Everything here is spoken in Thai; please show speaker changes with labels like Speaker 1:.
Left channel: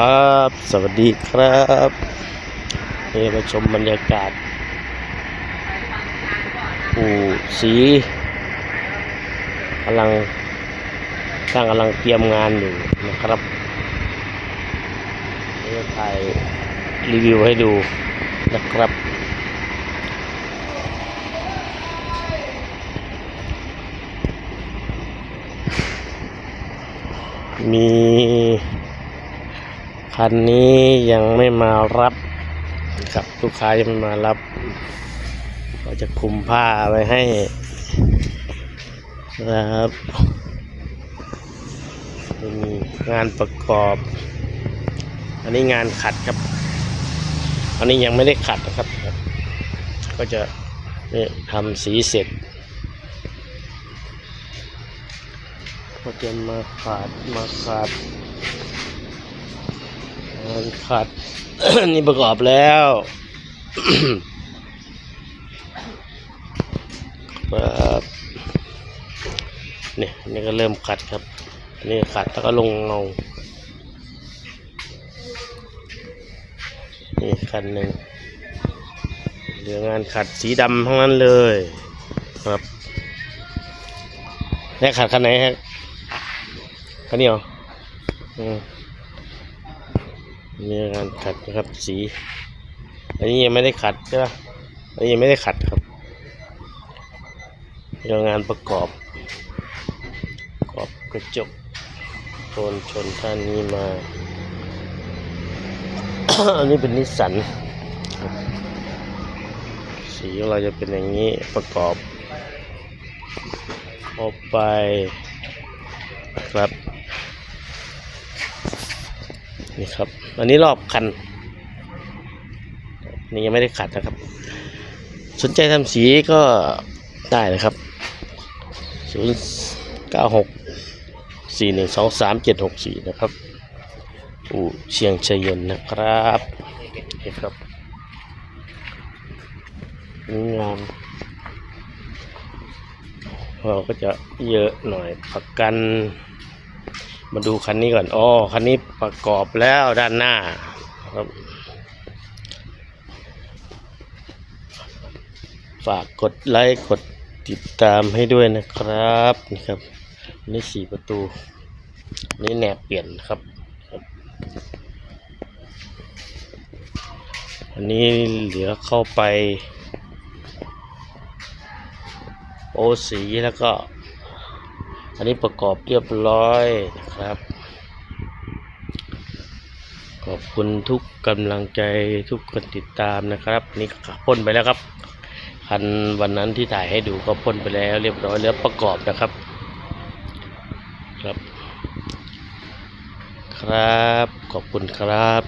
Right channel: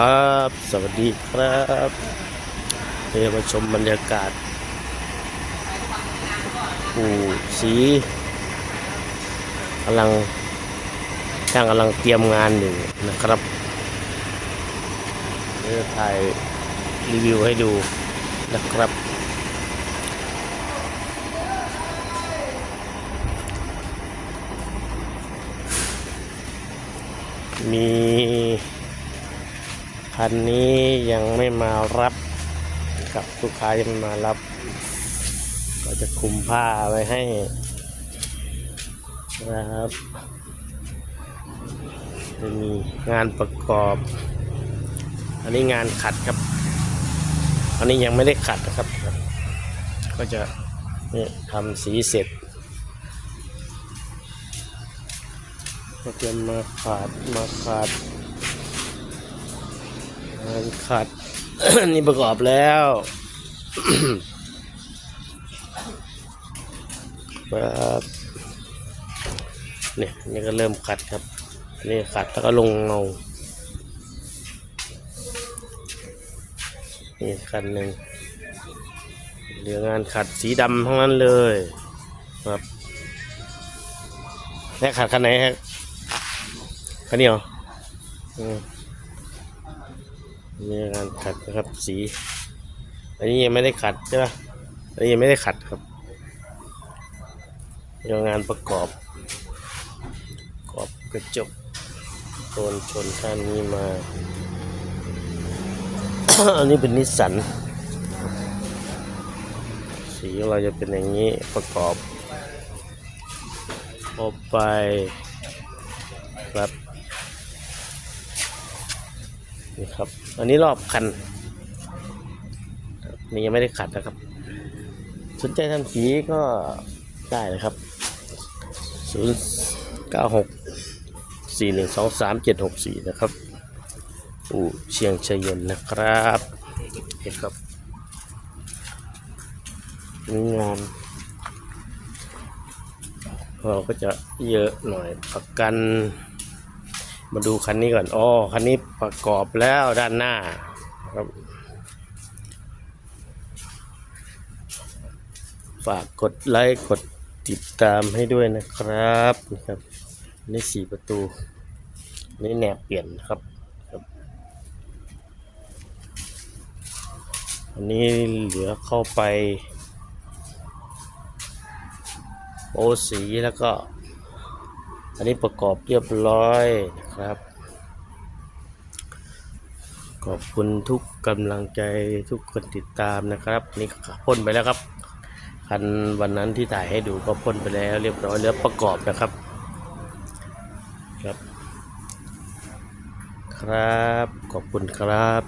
Speaker 1: ครับ สวัสดีครับนี่มาชมบรรยากาศอู่สีกำลังช่างกำลังเตรียมงานอยู่นะครับเดี๋ยวถ่ายรีวิวให้ดูนะครับ มี คันนี้ยังไม่มารับนะครับลูกค้ายังไม่มารับเราจะคลุมผ้าไว้ให้นะครับมีงานประกอบ อันนี้งานขัดครับ อันนี้ยังไม่ได้ขัดนะครับ ก็จะนี่ทำสีเสร็จก็จะมาขาดมาขาด มันขาดนี่ประกอบแล้วครับนี่นี่ก็เริ่มขัดครับ นี่ขัดแล้วก็ลงเงานี่คันหนึ่งเดี๋ยวงานขัดสีดำทั้งนั้นเลย ครับแล้ขัดคันไหนฮะคันนี้เหรออืม นี่งานขัดนะครับ สี อันนี้ยังไม่ได้ขัดใช่ปะอันนี้ยังไม่ได้ขัดครับเรื่องงานประกอบประกอบกระจกชนชนท่านนี้มา อันนี้เป็นนิสสัน สีเราจะเป็นอย่างนี้ประกอบ ออกไปครับ นี่ครับ อันนี้รอบคัน นี่ยังไม่ได้ขัดนะครับ สนใจทำสีก็ได้นะครับ0 9 6 4 1 2 3 7 6 4นะครับอู่เชียงชยเย็นนะครับนี่ครับงานเราก็จะเยอะหน่อยประกัน มาดูคันนี้ก่อนอ๋อคันนี้ประกอบแล้วด้านหน้าครับฝากกดไลค์กดติดตามให้ด้วยนะครับนี่ครับนี่สี่ประตูนี่แนบเปลี่ยนครับครับ อันนี้เหลือเข้าไป โอสีแล้วก็ อันนี้ประกอบเรียบร้อยนะครับ ขอบคุณทุกกำลังใจทุกคนติดตามนะครับ นี่พ่นไปแล้วครับ คันวันนั้นที่ถ่ายให้ดูก็พ่นไปแล้วเรียบร้อยแล้วประกอบนะครับ ครับ ครับขอบคุณครับ